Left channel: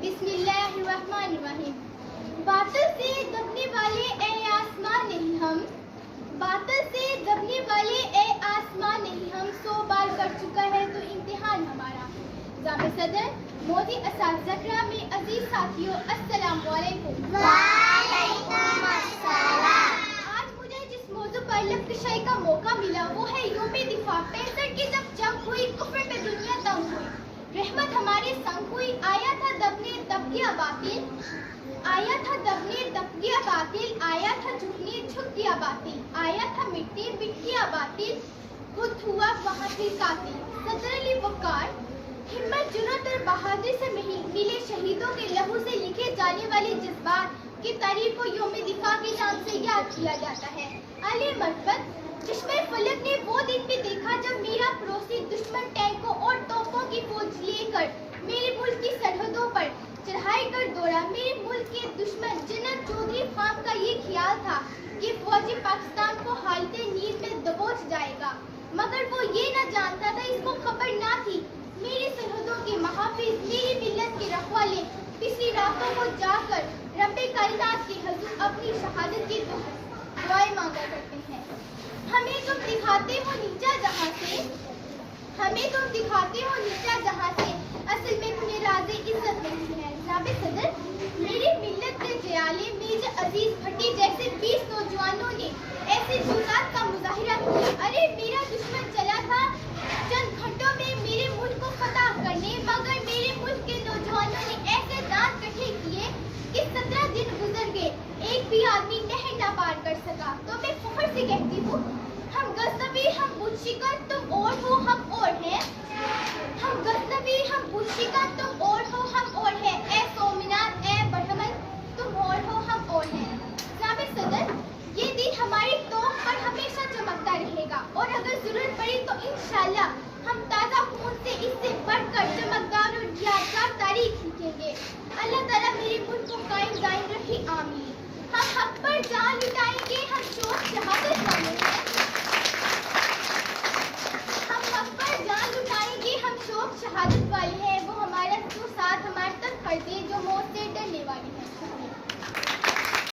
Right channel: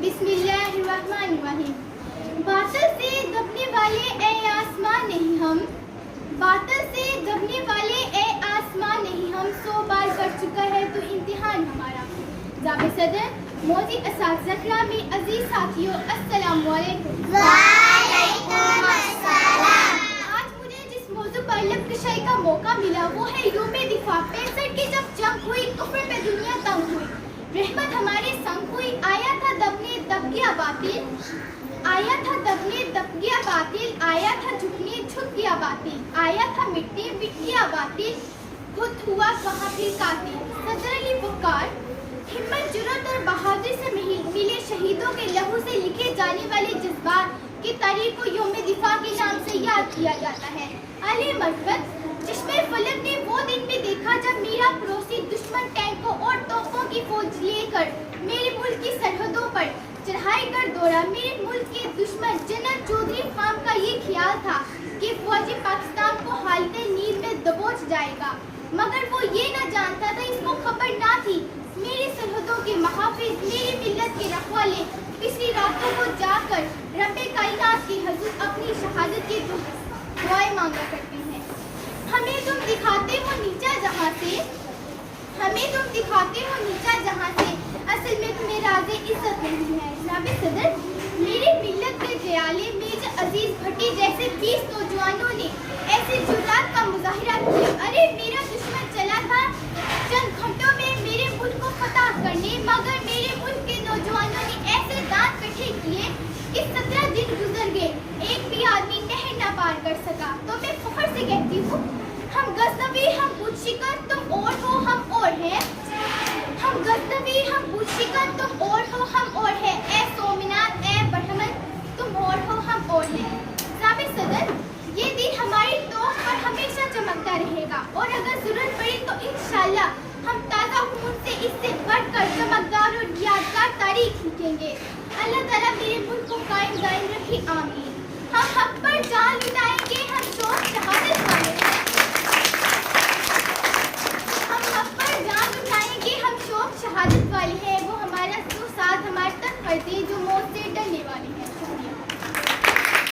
بسم اللہ الرحمن الرحیم۔ باطل سے دبنے والے اے آسمان نہیں ہم، باطل سے دبنے والے اے آسمان نہیں ہم، 100 بار پڑھ چکا ہے تو امتحان ہمارا۔ ضابط صدر، موزی اساتذہ گرامی، عزیز ساتھیوں، السلام علیکم۔ وعلیکم السلام۔ آج مجھے جس موضوع پر لب کشائی کا موقع ملا وہ ہے یوم دفاع۔ 65 کی جب جنگ ہوئی کفر پہ دنیا تنگ ہوئی، رحمت ہمارے سنگ ہوئی، آیا تھا دبنے دب گیا باطل، آیا تھا دبنے دب گیا باطل، آیا تھا جھکنے جھک گیا باطل، آیا تھا مٹی مٹ گیا باطل، خود ہوا وہاں پھر قاتل۔ صدر علی وقار، ہمت جرأت اور بہادری سے ملے شہیدوں کے لہو سے لکھے جانے والے جذبات کی تاریخ کو یوم دفاع کے نام سے یاد کیا جاتا ہے۔ علی مرفت، چشمے فلک نے وہ دن بھی دیکھا جب میرا پڑوسی دشمن ٹینکوں اور توپوں کی فوج لے کر میرے ملک کی سرحدوں پر چڑھائی کر دوڑا۔ میرے ملک کے دشمن جنرل چودھری خان کا یہ خیال تھا کہ فوجی پاکستان کو حالت نیند میں دبوچ جائے گا، مگر وہ یہ نہ جانتا تھا، اس کو خبر نہ تھی میری سرحدوں کے محافظ، میری ملت کے رکھوالے پچھلی راتوں کو جا کر رب کائنات کے حضور اپنی شہادت کی دعائیں مانگا کرتے ہیں۔ ہمیں تم دکھاتے ہو نیچا جہاں سے، ہمیں تم دکھاتے ہو نیچا جہاں سے، اصل میں تمہیں راز عزت نہیں ہے۔ ضابط صدر، میری ملت کے دیالے میجر عزیز بھٹی جیسے 20 نوجوانوں نے ایسے جرات کا مظاہرہ کیا۔ ارے میرا دشمن چلا تھا چند گھنٹوں میں میرے ملک کو فتح کرنے، مگر میرے ملک کے نوجوانوں نے ایسے دانت کٹھے کیے کہ 17 دن گزر گئے، ایک بھی آدمی نہر نہ پار کر سکا۔ تو میں فخر سے کہتی ہوں، ہم غزنوی ہم بت شکن، تم اور ہو ہم اور ہیں، ہم غزنوی ہم بت شکن، تم اور ہو ہم اور ہیں، اے سومنات اے برہمن، تم اور ہو ہم اور ہیں۔ ضابط صدر، یہ دن ہماری توق پر ہمیشہ چمکتا رہے گا، اور اگر ضرورت پڑی تو انشاءاللہ ہم تازہ خون سے اس سے بڑھ کر چمکدار اور یادگار تاریخ لکھیں گے۔ اللہ تعالیٰ میرے ملک کو قائم دائم رکھے، آمین۔ ہم حق پر جان لٹائیں گے، ہم شوق